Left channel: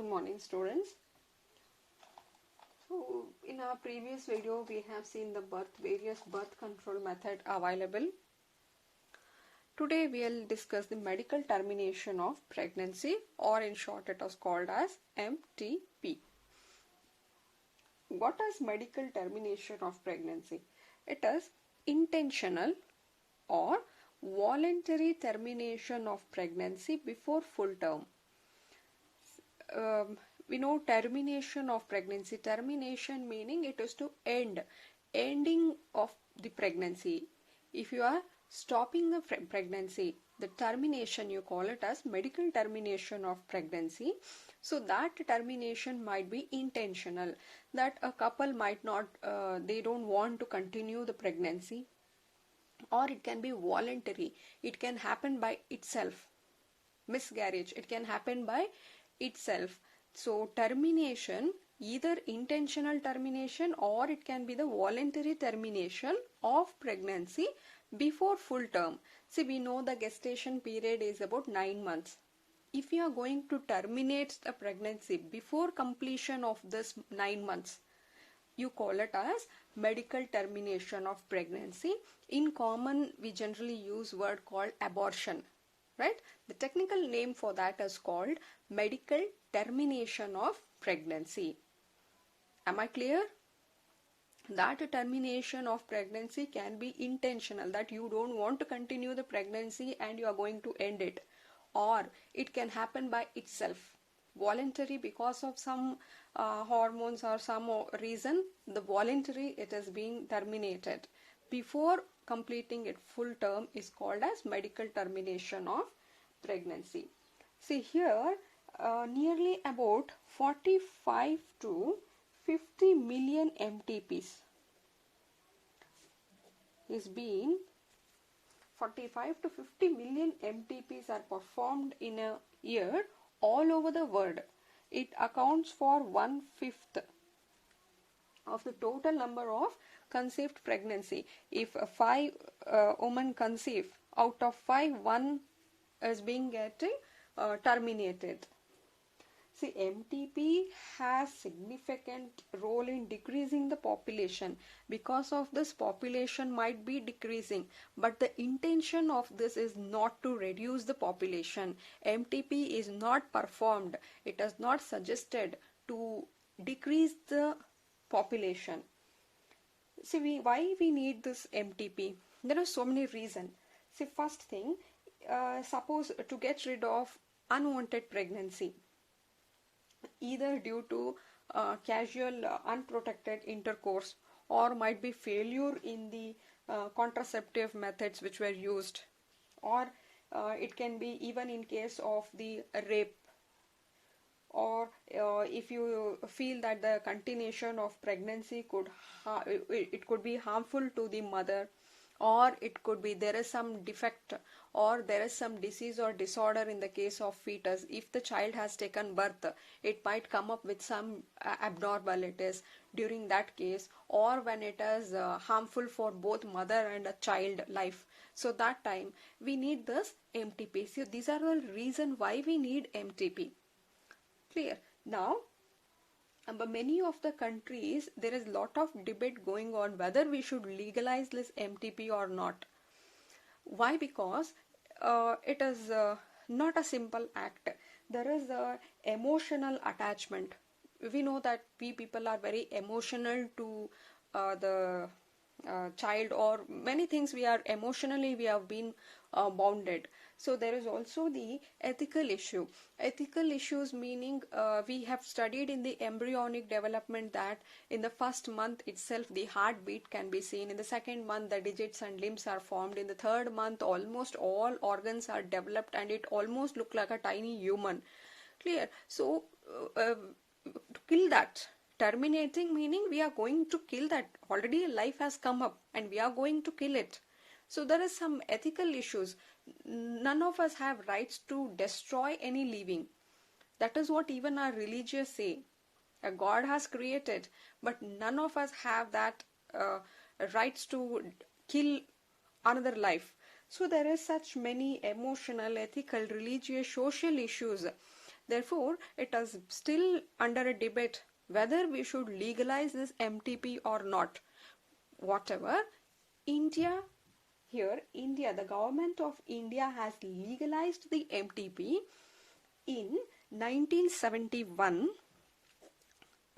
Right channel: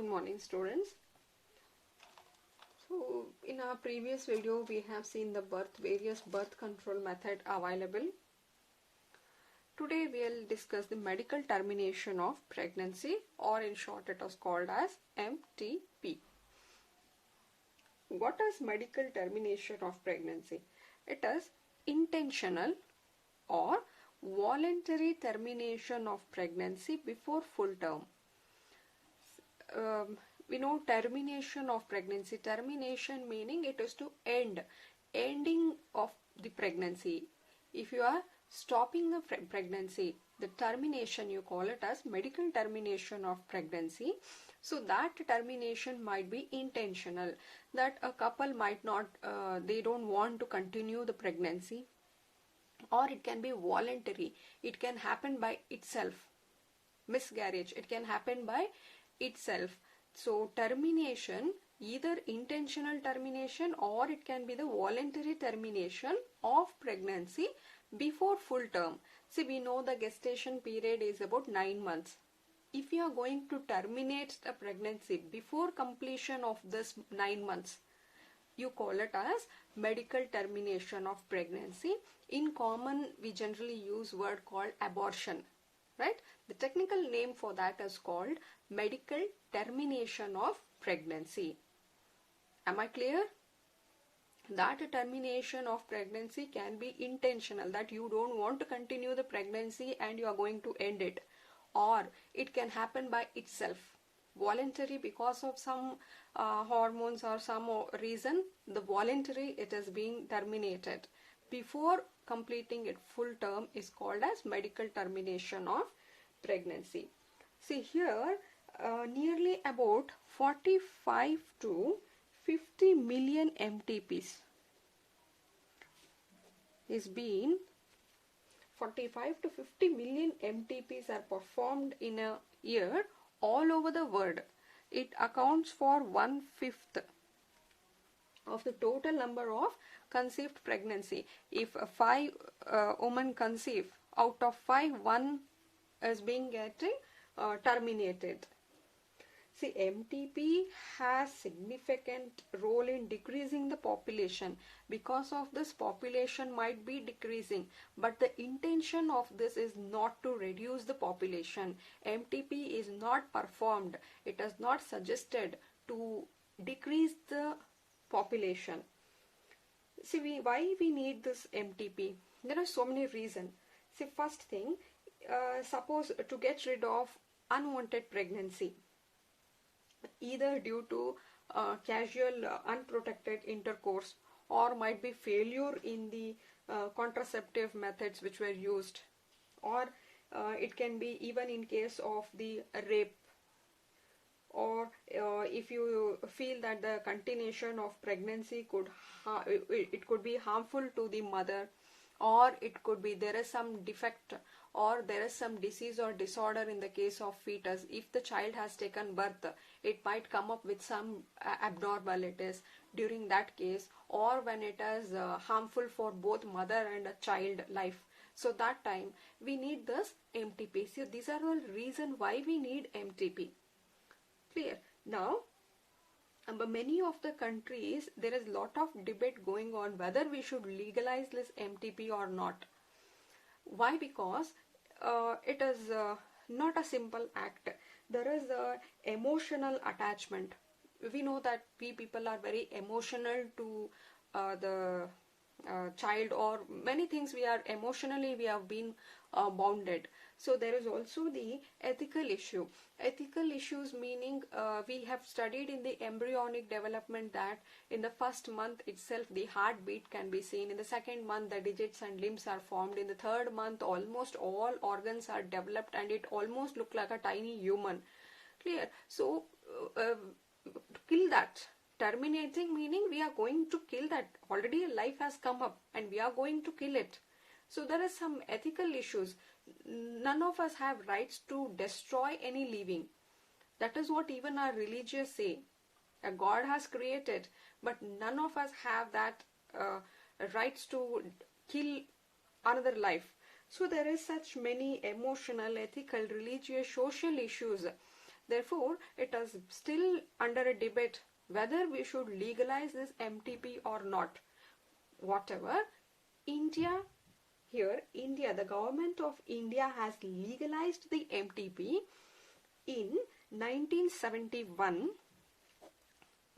Good morning, students. So in our previous video we have seen the various birth control method available. Today we will discuss the medical termination of pregnancy, or in short it is called as MTP. What is medical termination of pregnancy? It is intentional or voluntary termination of pregnancy before full term. We know termination of pregnancy. Termination meaning it is to ending of the pregnancy. If you are stopping the pregnancy, the termination you call it as medical termination of pregnancy. So that termination might be intentional, that a couple might not, they don't want to continue the pregnancy, or it can be voluntary. It can happen by itself. Miscarriage, it can happen by itself. So termination, either intentional termination or it can be the voluntary termination of pregnancy before full term. See, we know the gestation period is about 9 months. If you are going to terminate the pregnancy before completion of this 9 months, you call it as medical termination of pregnancy. In common, we generally use word called abortion, right? The technical name for that is called medical termination of pregnancy. Am I clear? That termination of pregnancy can be intentional, that you don't want to continue the pregnancy and you are going to end it, or it can happen by itself, voluntary because of some hormones or some reason. The voluntary, it is being terminated before completing its full term, is called as medical termination of pregnancy. See here, nearly about 45 to 50 million MTPs is being 45 to 50 million MTPs are performed in a year all over the world. It accounts for 1/5 of the total number of conceived pregnancy. If 5 women conceive, out of 5, 1 is being getting terminated. See, MTP has significant role in decreasing the population. Because of this, population might be decreasing, but the intention of this is not to reduce the population. MTP is not performed. It is not suggested to decrease the population. See, why we need this MTP? There are so many reasons. See, first thing, suppose to get rid of unwanted pregnancy, either due to casual unprotected intercourse, or might be failure in the contraceptive methods which were used, or it can be even in case of the rape, or if you feel that the continuation of pregnancy it could be harmful to the mother, or it could be there is some defect or there is some disease or disorder in the case of fetus. If the child has taken birth, it might come up with some abnormalities during that case, or when it is harmful for both mother and a child life. So that time we need this MTP. So these are the reason why we need MTP. Clear? Now, many of the countries, there is lot of debate going on whether we should legalize this MTP or not. Why? Because it is not a simple act. There is a emotional attachment. We know that we people are very emotional to the child, or many things we are emotionally, we have been bounded. So there is also the ethical issue. Ethical issues meaning we have studied in the embryonic development that in the first month itself the heartbeat can be seen. In the second month the digits and limbs are formed. In the third month almost all organs are developed and it almost looks like a tiny human. Clear? So kill that. Terminating meaning we are going to kill that. Already life has come up and we are going to kill it. So there is some ethical issues. None of us have rights to destroy any living. That is what even our religious say. A God has created, but none of us have that rights to kill another life. So there is such many emotional, ethical, religious, social issues Therefore, it is still under a debate whether we should legalize this MTP or not. Whatever, India, the government of India has legalized the MTP in 1971.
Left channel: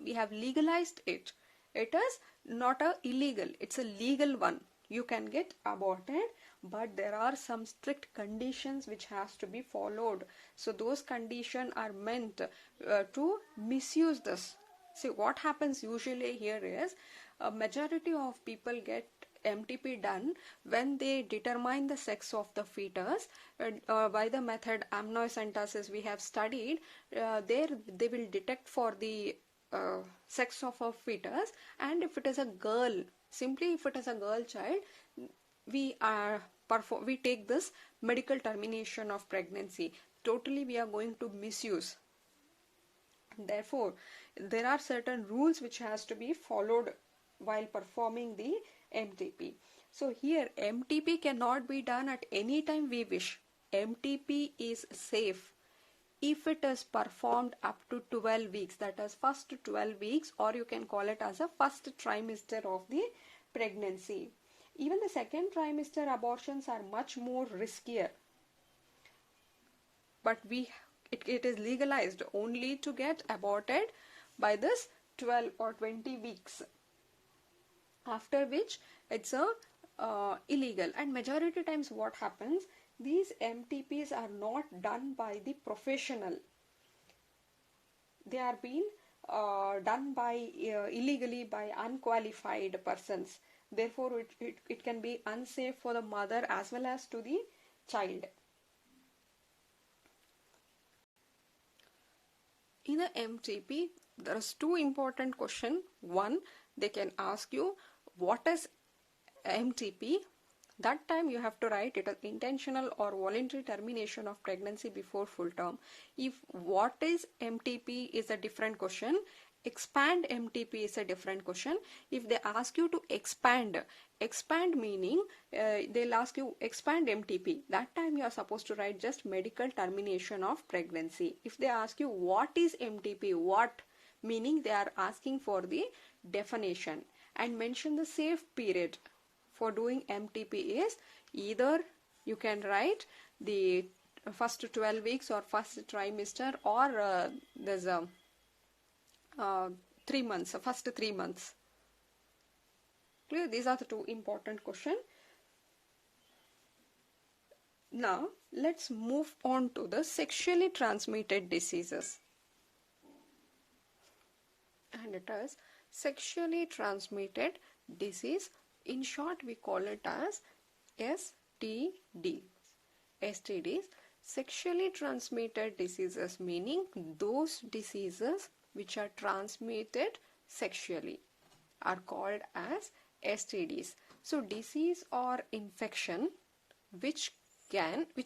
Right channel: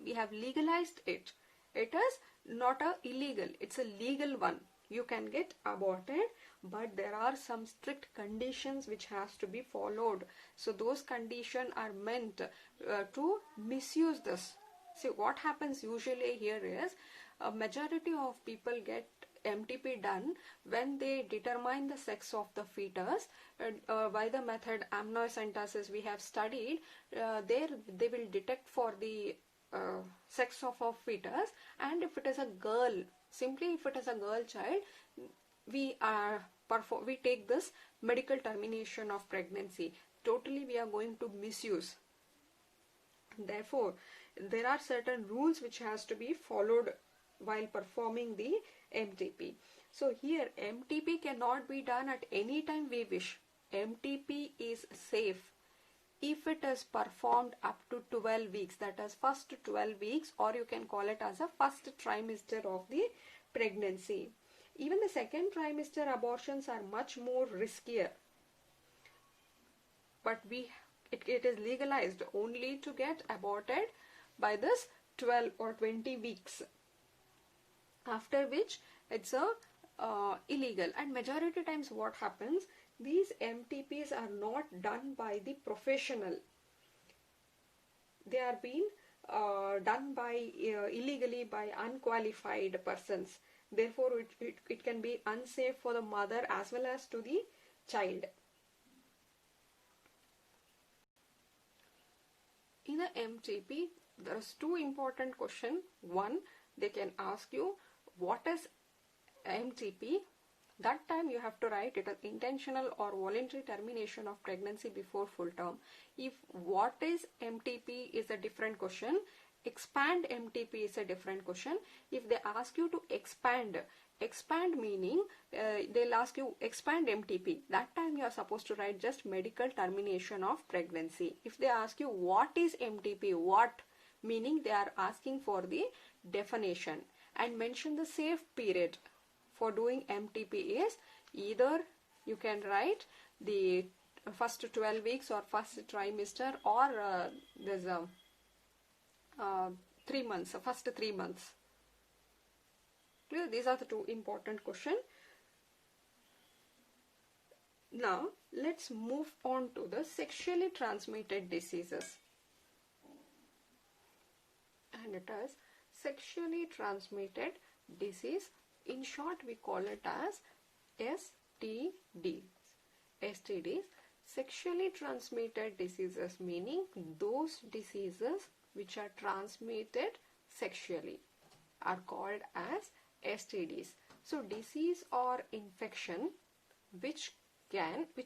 We have legalized it. It is not a illegal, it's a legal one. You can get aborted, but there are some strict conditions which has to be followed. So those conditions are meant to misuse this. See, what happens usually here is a majority of people get MTP done when they determine the sex of the fetus by the method amniocentesis we have studied. There they will detect for the sex of a fetus, and if it is a girl, simply if it is a girl child, we take this medical termination of pregnancy. Totally we are going to misuse. Therefore, there are certain rules which has to be followed while performing the MTP. So here MTP cannot be done at any time we wish. MTP is safe if it is performed up to 12 weeks, that is first 12 weeks, or you can call it as a first trimester of the pregnancy. Even the second trimester abortions are much more riskier, but it is legalized only to get aborted by this 12 or 20 weeks, after which it's a illegal. And majority times what happens, these MTPs are not done by the professional. They are being done by illegally by unqualified persons. Therefore, it can be unsafe for the mother as well as to the child. In the MTP, there is two important questions. One, they can ask you what is MTP. That time you have to write it as intentional or voluntary termination of pregnancy before full term. If what is MTP is a different question, expand MTP is a different question. If they ask you to expand meaning they'll ask you expand MTP. That time you are supposed to write just medical termination of pregnancy. If they ask you what is MTP, what meaning they are asking for the definition, and mention the safe period for doing MTP is either you can write the first 12 weeks or first trimester, or there's a 3 months, first 3 months. Clear? These are the two important questions. Now let's move on to the sexually transmitted diseases. And it is sexually transmitted disease. In short, we call it as STD. STDs, sexually transmitted diseases, meaning those diseases which are transmitted sexually are called as STDs. So disease or infection which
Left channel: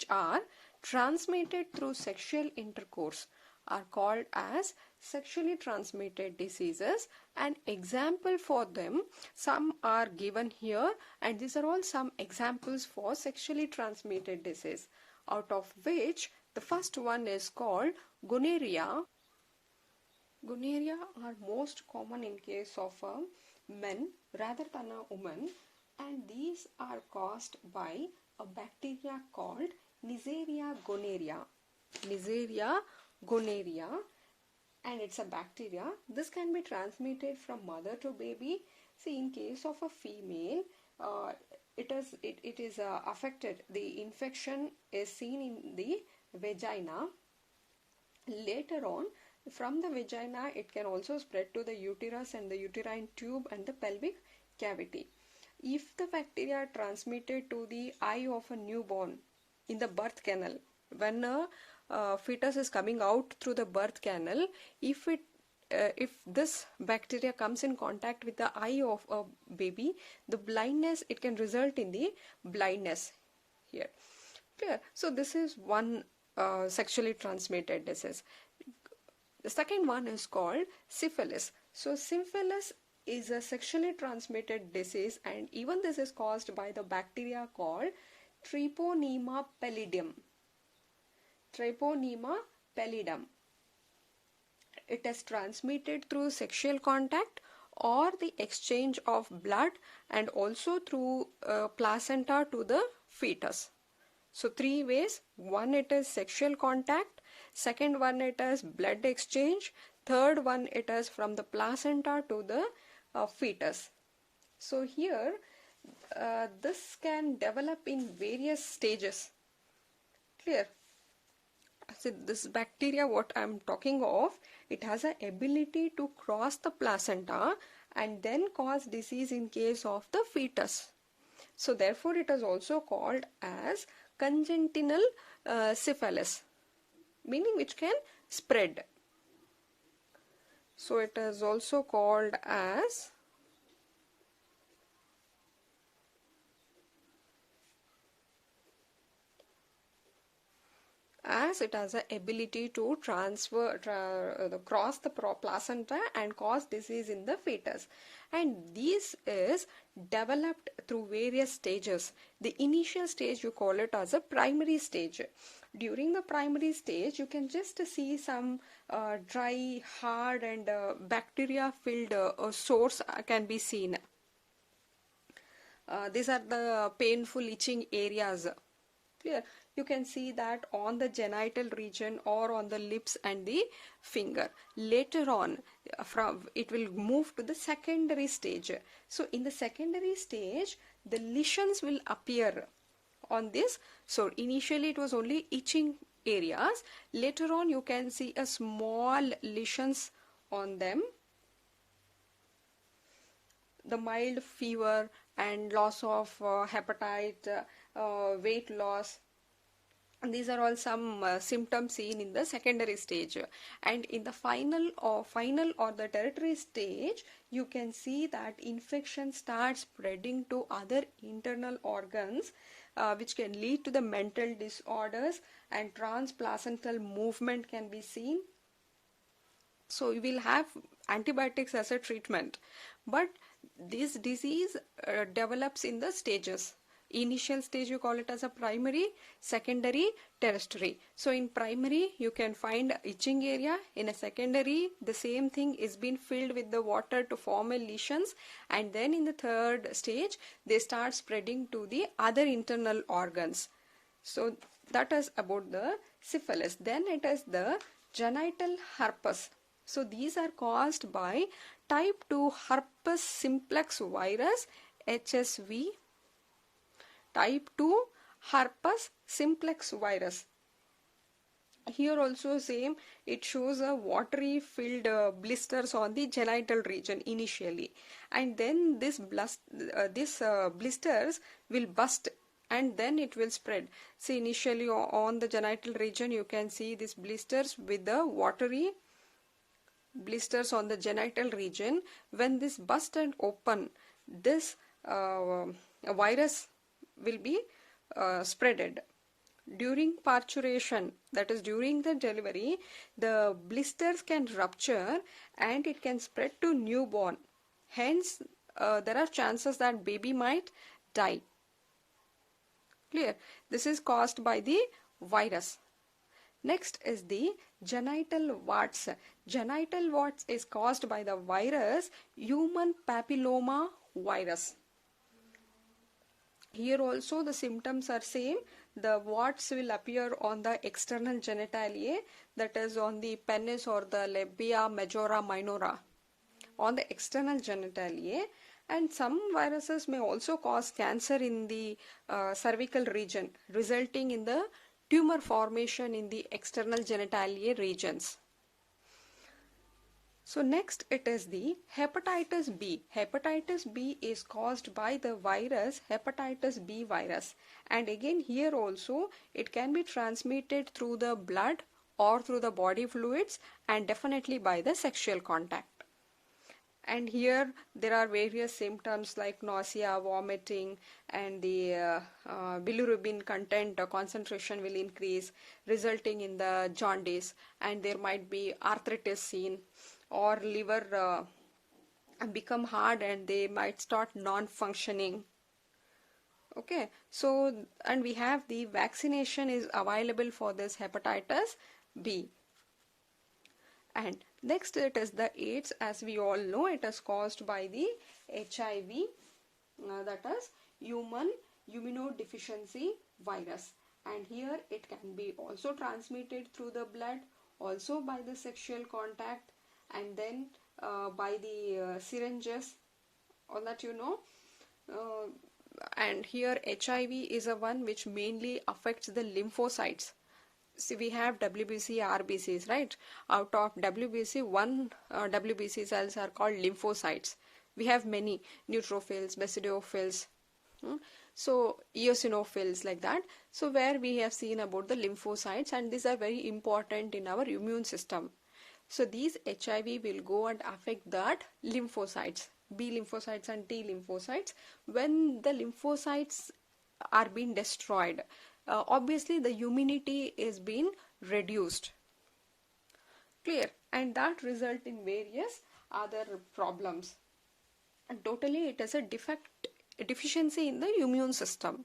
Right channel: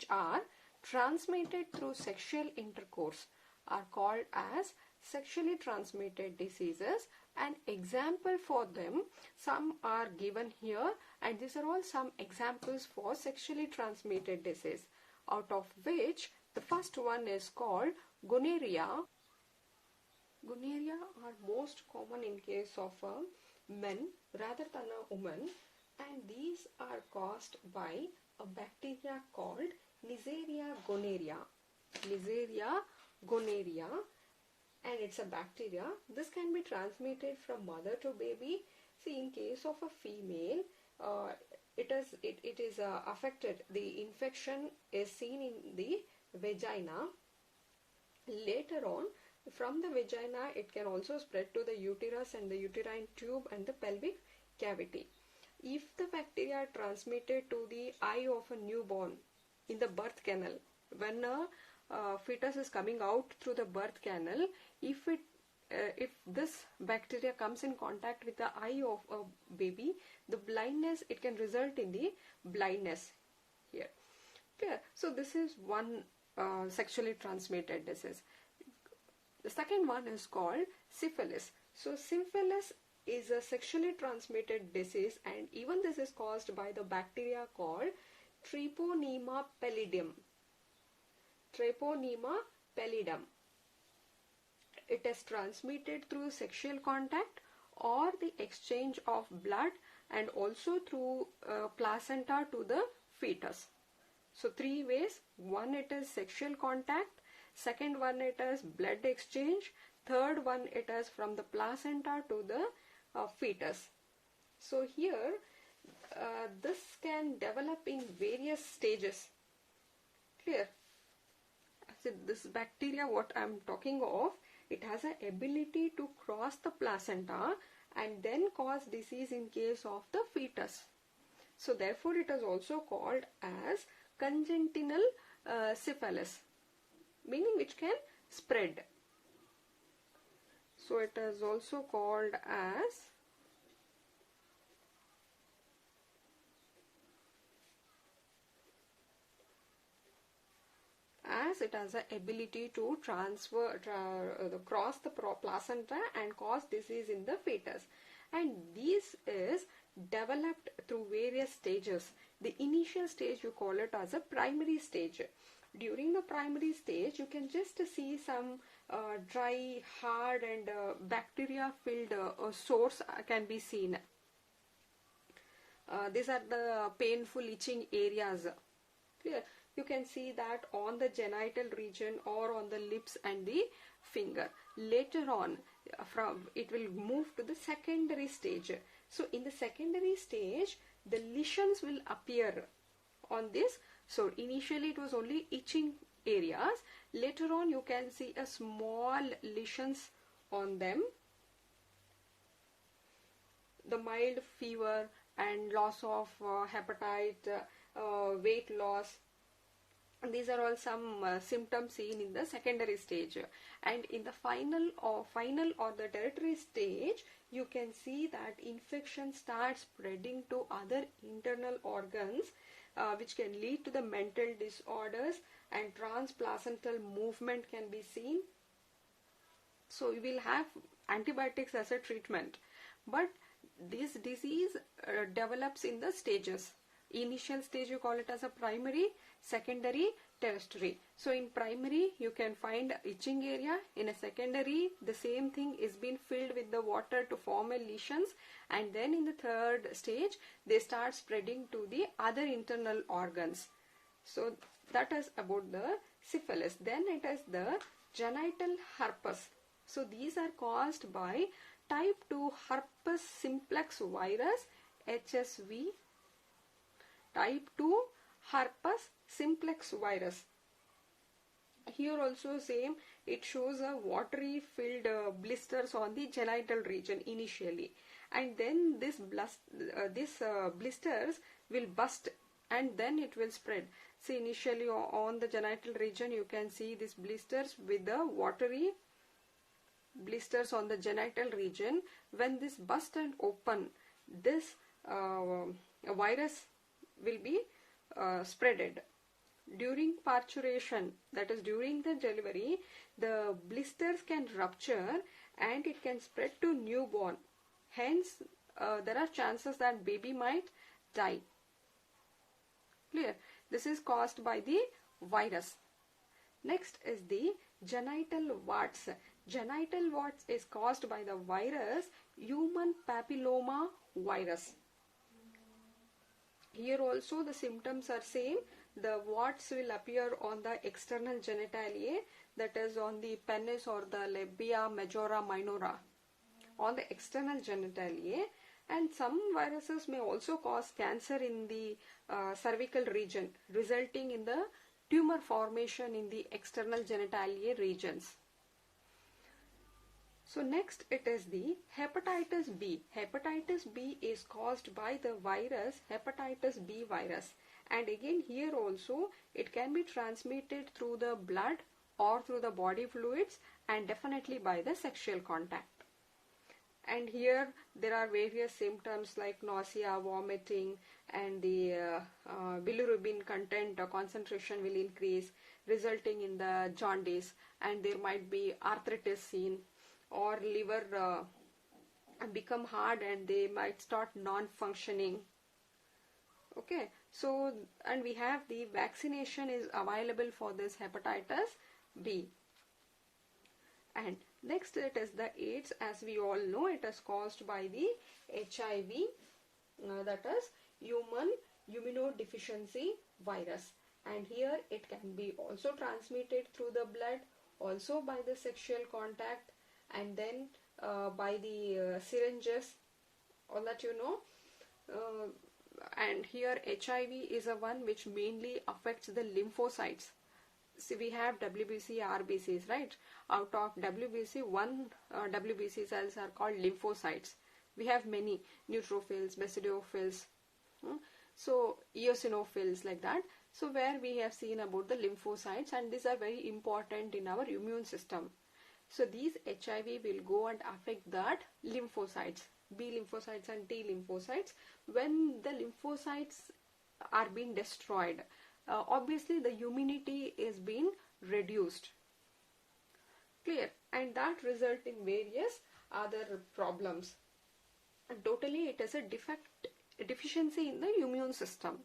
are transmitted through sexual intercourse are called as sexually transmitted diseases. An example for them, some are given here, and these are all some examples for sexually transmitted disease, out of which the first one is called gonorrhea. Gonorrhea are most common in case of men rather than a woman, and these are caused by a bacteria called Neisseria gonorrhea. Neisseria gonorrhea, and it's a bacteria. This can be transmitted from mother to baby. See, in case of a female, it is affected. The infection is seen in the vagina. Later on, from the vagina, it can also spread to the uterus and the uterine tube and the pelvic cavity. If the bacteria are transmitted to the eye of a newborn in the birth canal, when a fetus is coming out through the birth canal, if this bacteria comes in contact with the eye of a baby, the blindness, it can result in the blindness here. Clear? So this is one sexually transmitted disease. The second one is called syphilis. So syphilis is a sexually transmitted disease, and even this is caused by the bacteria called Treponema pallidum. Treponema pallidum. It is transmitted through sexual contact or the exchange of blood, and also through placenta to the fetus. So three ways: one, it is sexual contact; second one, it is blood exchange; third one, it is from the placenta to the fetus. So here this can develop in various stages. Clear? So this bacteria what I am talking of, it has an ability to cross the placenta and then cause disease in case of the fetus. So therefore it is also called as congenital syphilis, meaning which can spread. So it is also called as it has an ability to cross the placenta and cause disease in the fetus. And this is developed through various stages. The initial stage, you call it as a primary stage. During the primary stage, you can just see some dry, hard and bacteria filled sores can be seen. These are the painful itching areas. Clear? You can see that on the genital region or on the lips and the finger. Later on, it will move to the secondary stage. So in the secondary stage, the lesions will appear on this. So initially it was only itching areas. Later on you can see a small lesions on them. The mild fever and loss of appetite, weight loss, these are all some symptoms seen in the secondary stage. And in the final or the tertiary stage, you can see that infection starts spreading to other internal organs, which can lead to the mental disorders, and transplacental movement can be seen. So you will have antibiotics as a treatment, but this disease develops in the stages. Initial stage you call it as a primary, secondary, tertiary. So in primary you can find itching area. In a secondary, the same thing is being filled with the water to form a lesions, and then in the third stage they start spreading to the other internal organs. So that is about the syphilis. Then it is the genital herpes. So these are caused by type 2 herpes simplex virus, HSV. Type 2 herpes simplex virus. Here also same, it shows a watery filled blisters on the genital region initially, and then this blisters will burst and then it will spread. See, initially on the genital region you can see these blisters with the watery blisters on the genital region. When this burst and open, this virus will be spreaded. During parturition, that is during the delivery, the blisters can rupture and it can spread to newborn. Hence, there are chances that baby might die. Clear? This is caused by the virus. Next is the genital warts. Genital warts is caused by the virus human papilloma virus. Here also the symptoms are same. The warts will appear on the external genitalia, that is on the penis or the labia majora minora, on the external genitalia. And some viruses may also cause cancer in the cervical region, resulting in the tumor formation in the external genitalia regions. So next it is the hepatitis B. Hepatitis B is caused by the virus hepatitis B virus, and again here also it can be transmitted through the blood or through the body fluids, and definitely by the sexual contact. And here there are various symptoms like nausea, vomiting, and the bilirubin content concentration will increase, resulting in the jaundice, and there might be arthritis seen, or liver become hard and they might start non-functioning. Okay, so and we have the vaccination is available for this hepatitis B. And next it is the AIDS. As we all know, it is caused by the HIV, that is human immunodeficiency virus. And here it can be also transmitted through the blood, also by the sexual contact, and then by the syringes, all that you know. And here HIV is a one which mainly affects the lymphocytes. See, we have WBC, RBCs, right? Out of WBC, one WBC cells are called lymphocytes. We have many neutrophils, basidiophils, so eosinophils, like that. So where we have seen about the lymphocytes, and these are very important in our immune system. So these HIV will go and affect that lymphocytes, B lymphocytes and T lymphocytes. When the lymphocytes are being destroyed, obviously the immunity is being reduced. Clear? And that result in various other problems. And totally it is a deficiency in the immune system.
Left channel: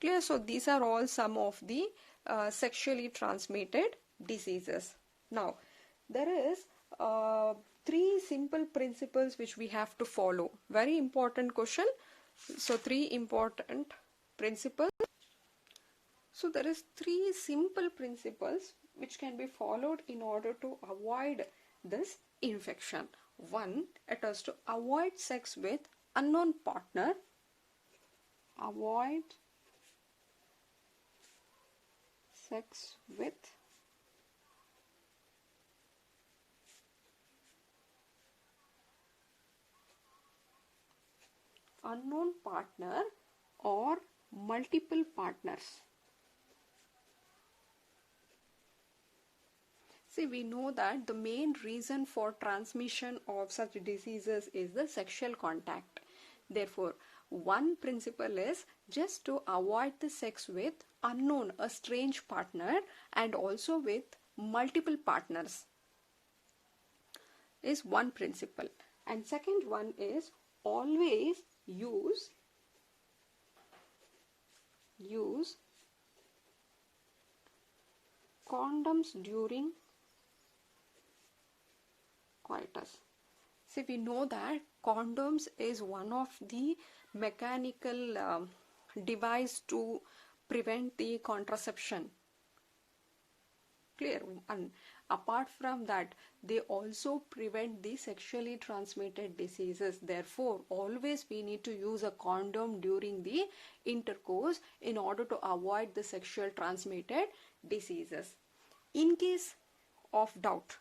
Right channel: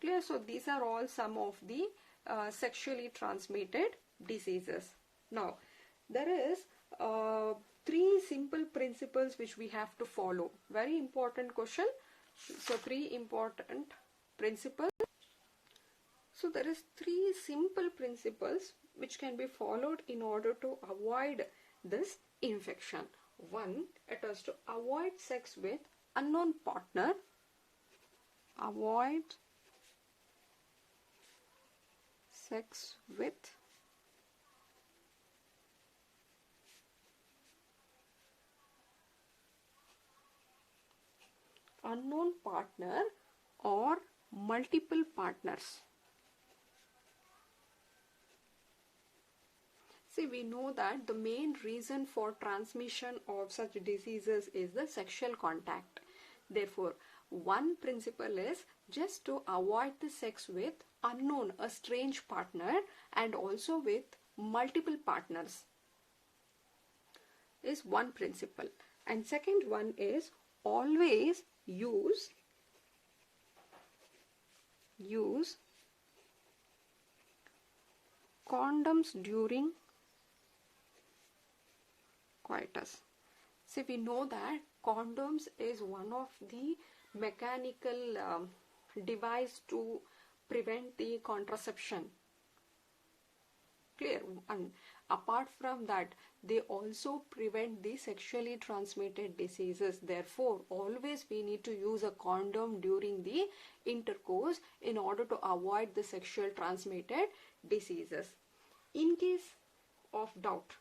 Clear? So these are all some of the sexually transmitted diseases. Now, there is 3 simple principles which we have to follow. Very important question. So 3 important principles. So there is 3 simple principles which can be followed in order to avoid this infection. 1, it is to avoid sex with unknown partner. Avoid sex with unknown partner or multiple partners. See, we know that the main reason for transmission of such diseases is the sexual contact. Therefore, one principle is just to avoid the sex with unknown, a strange partner, and also with multiple partners is one principle. And second one is always use condoms during coitus. See, we know that condoms is one of the mechanical device to prevent the contraception. Clear? And apart from that, they also prevent the sexually transmitted diseases. Therefore, always we need to use a condom during the intercourse in order to avoid the sexual transmitted diseases. In case of doubt,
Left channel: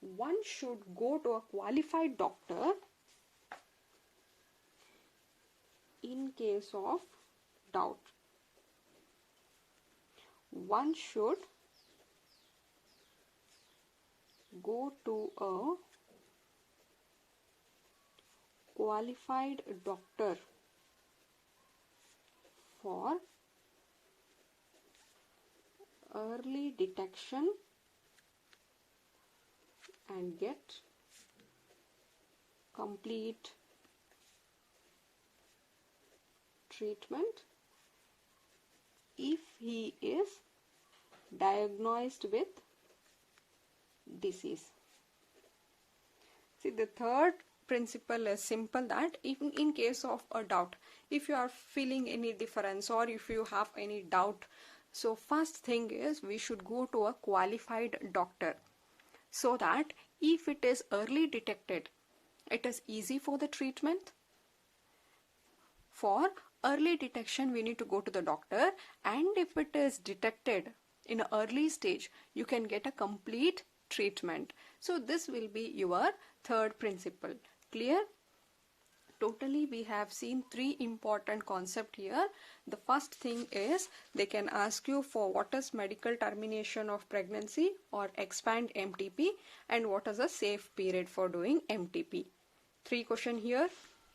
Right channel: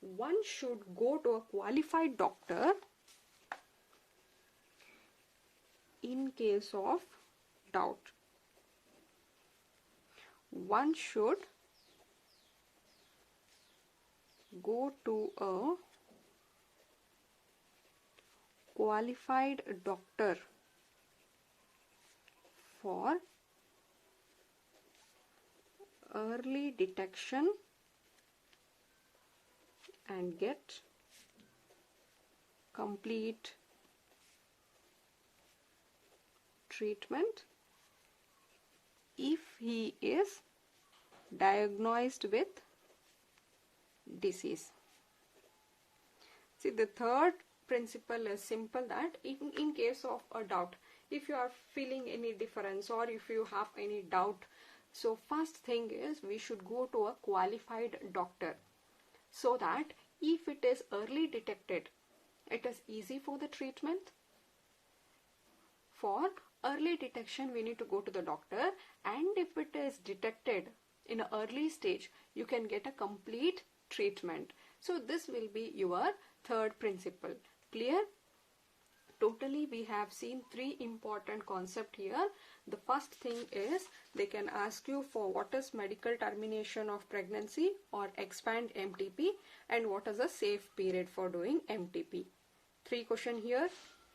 one should go to a qualified doctor. In case of doubt, one should go to a qualified doctor for early detection and get complete treatment if he is diagnosed with disease. See, the third principle is simple, that in case of a doubt, if you are feeling any difference or if you have any doubt, so first thing is we should go to a qualified doctor, so that if it is early detected, it is easy for the treatment. For early detection, we need to go to the doctor, and if it is detected in an early stage, you can get a complete treatment. So this will be your third principle. Clear? Totally we have seen 3 important concepts here. The first thing is they can ask you for what is medical termination of pregnancy or expand MTP, and what is a safe period for doing MTP. 3 questions here.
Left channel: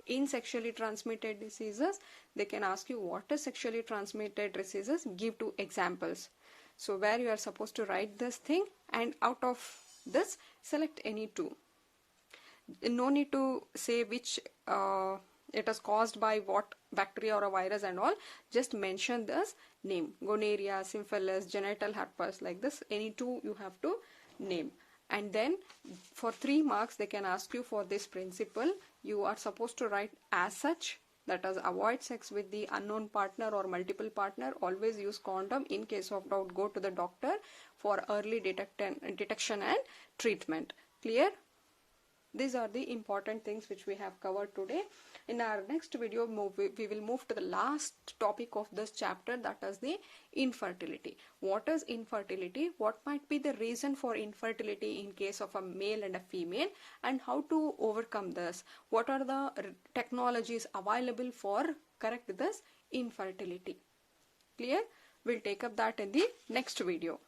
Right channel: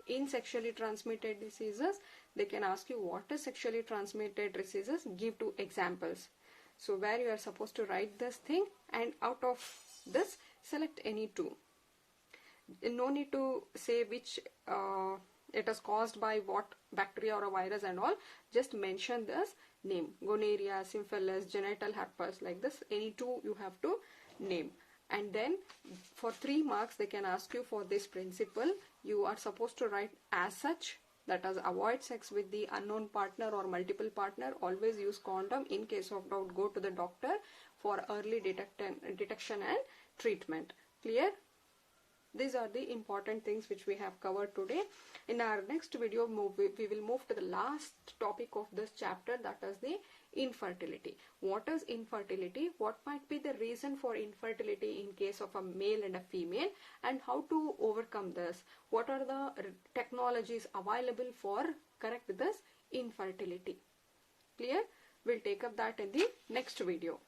In sexually transmitted diseases, they can ask you what is sexually transmitted diseases, give 2 examples. So where you are supposed to write this thing, and out of this select any 2. No need to say which it is caused by what bacteria or a virus and all. Just mention this name: gonorrhea, syphilis, genital herpes, like this. Any 2 you have to name. And then for 3 marks they can ask you for this principle. You are supposed to write as such, that is, avoid sex with the unknown partner or multiple partner, always use condom, in case of doubt go to the doctor for early detection and treatment. Clear? These are the important things which we have covered today. In our next video, we will move to the last topic of this chapter, that is the infertility. What is infertility? What might be the reason for infertility in case of a male and a female, and how to overcome this? What are the technologies available for correct this infertility? Clear? We'll take up that in the next video.